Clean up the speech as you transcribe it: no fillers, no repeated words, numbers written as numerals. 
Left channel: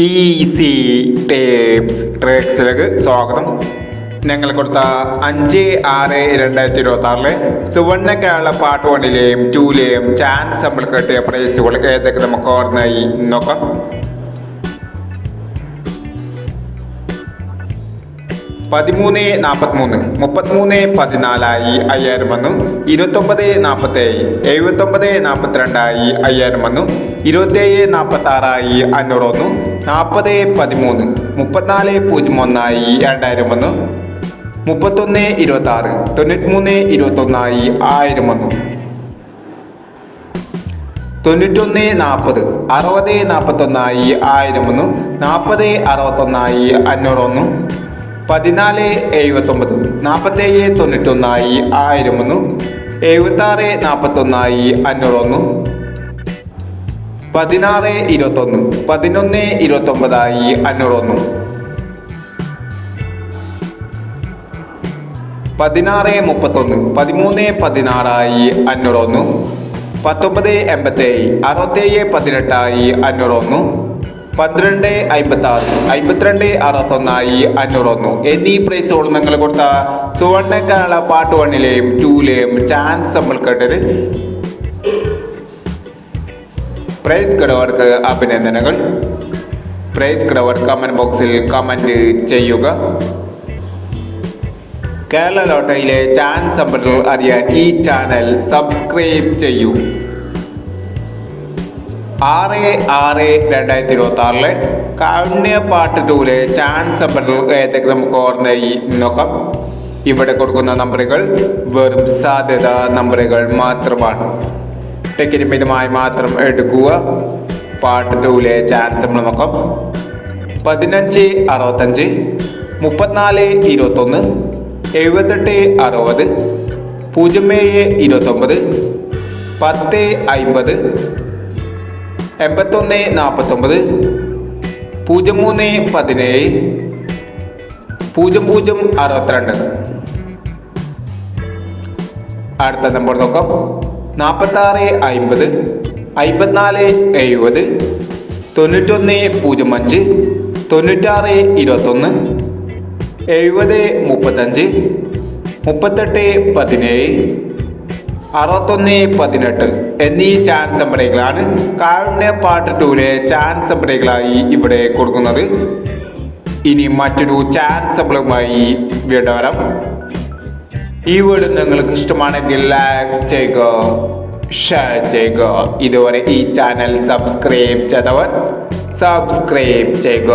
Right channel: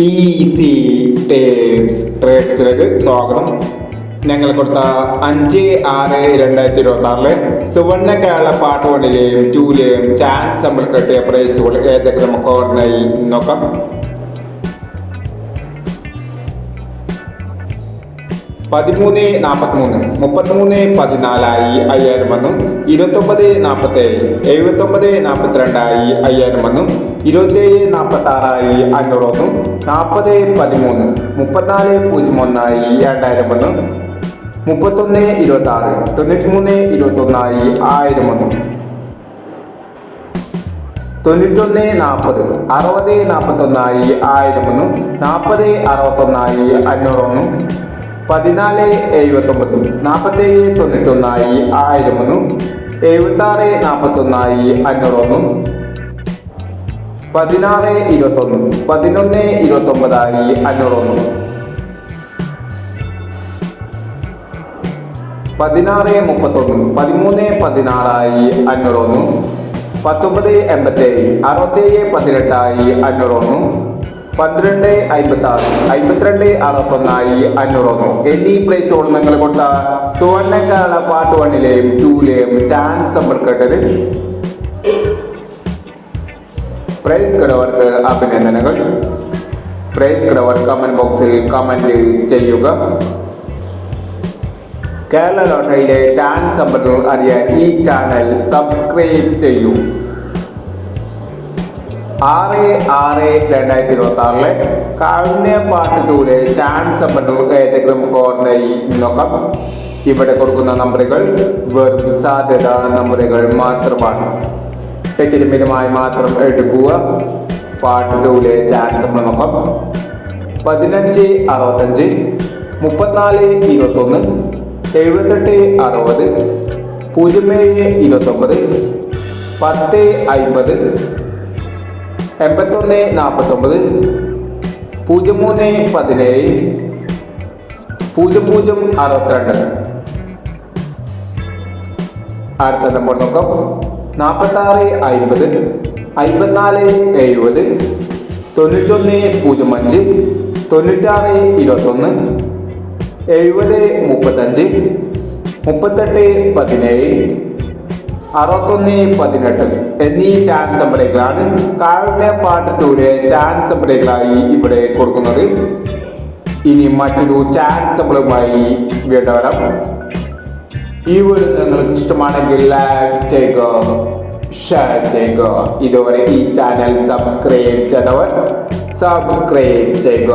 Easy tips ട്രിക്സിലേക്ക് സ്വാഗതം. ഞങ്ങൾ കൊടുത്ത 5/6/2026 സുവർണ്ണ കേരള പാർട്ട് 1ലെയും 2ലെയും ചാൻസ് നമ്മൾ കിട്ടിയ പ്രൈസുകൾ ഏതൊക്കെ നമുക്ക് ഓർമ്മയായി നോക്കാം. 13-43, 33-14 5000 വന്നു. 29-47, 79-42 5000 വന്നു. 27-46 500 വന്നു. 40-13, 34-01 2000 വന്നു. 31-26, 93-21 1000 വന്നു. 91-40, 60-41 1000 വന്നു. 40-61 500 വന്നു. 14-79, 47-91 1000 വന്നു. 76-41 500 വന്നു. 16-21, 11-29 500 വന്നു. 16-31, 13-16 500 വന്നു. 19-87, 67-18 500 വന്നു. 12-56, 52-61 500 വന്നു. എന്നീ പ്രൈസുകൾ നിങ്ങൾ കൊടുത്ത സുവർണ്ണ കേരള പാർട്ട് 1ലെയും 2ലെയും ചാൻസ് നമ്മൾ കേട്ടത്. പ്രൈസ് കിടവർക്ക് അഭിനന്ദനങ്ങൾ. പ്രൈസ് കിടവർ കമന്റ് ബോക്സിൽ കമന്റ് ചെയ്യുക. കേരള ലോട്ടറിയിലെ ചാൻസ് നമ്പറുകൾ അറിയാൻ ഈ ചാനൽ സബ്സ്ക്രൈബ് ചെയ്യൂ. 6/6/2026 കാരുണ്യ പാർട്ട് 2ലെ ചാൻസ് നമ്പറുകൾ ഏതൊക്കെ നമുക്ക് ഓർമ്മയായി നോക്കാം. ഇവിടെ കൊടുക്കുന്ന നമ്പറുകൾ വെറും സാധ്യത നമ്പറുകൾ മാത്രമാണ്. ടിക്കറ്റ് മിതമായി മാത്രം എടുക്കുക. പാർട്ട് 2ലെ ചാൻസ് നമ്മൾ നോക്കാം. 15-65, 34-21, 78-60, 07-29, 10-50, 81-49, 03-17, 00-62. അടുത്ത നമ്പർ നോക്കാം. 46-50, 54-70, 91-05, 96-21, 70-35, 38-17, 61-18 എന്നീ ചാൻസ് നമ്പറുകളാണ് കാരുണ്യ പാർട്ട് 2ലെ ചാൻസ് നമ്പറുകളായി ഇവിടെ കൊടുക്കുന്നത്. ഇനി മറ്റൊരു ചാൻസ് നമ്പറുമായി വീണ്ടും വരാം. ഈ വീഡിയോ നിങ്ങൾക്ക് ഇഷ്ടമാണെങ്കിൽ ലൈക്ക് ചെയ്യുക, ഷെയർ ചെയ്യുക. ഇതുവരെ ഈ ചാനൽ സബ്സ്ക്രൈബ് ചെയ്തവർ സബ്സ്ക്രൈബ് ചെയ്യുക.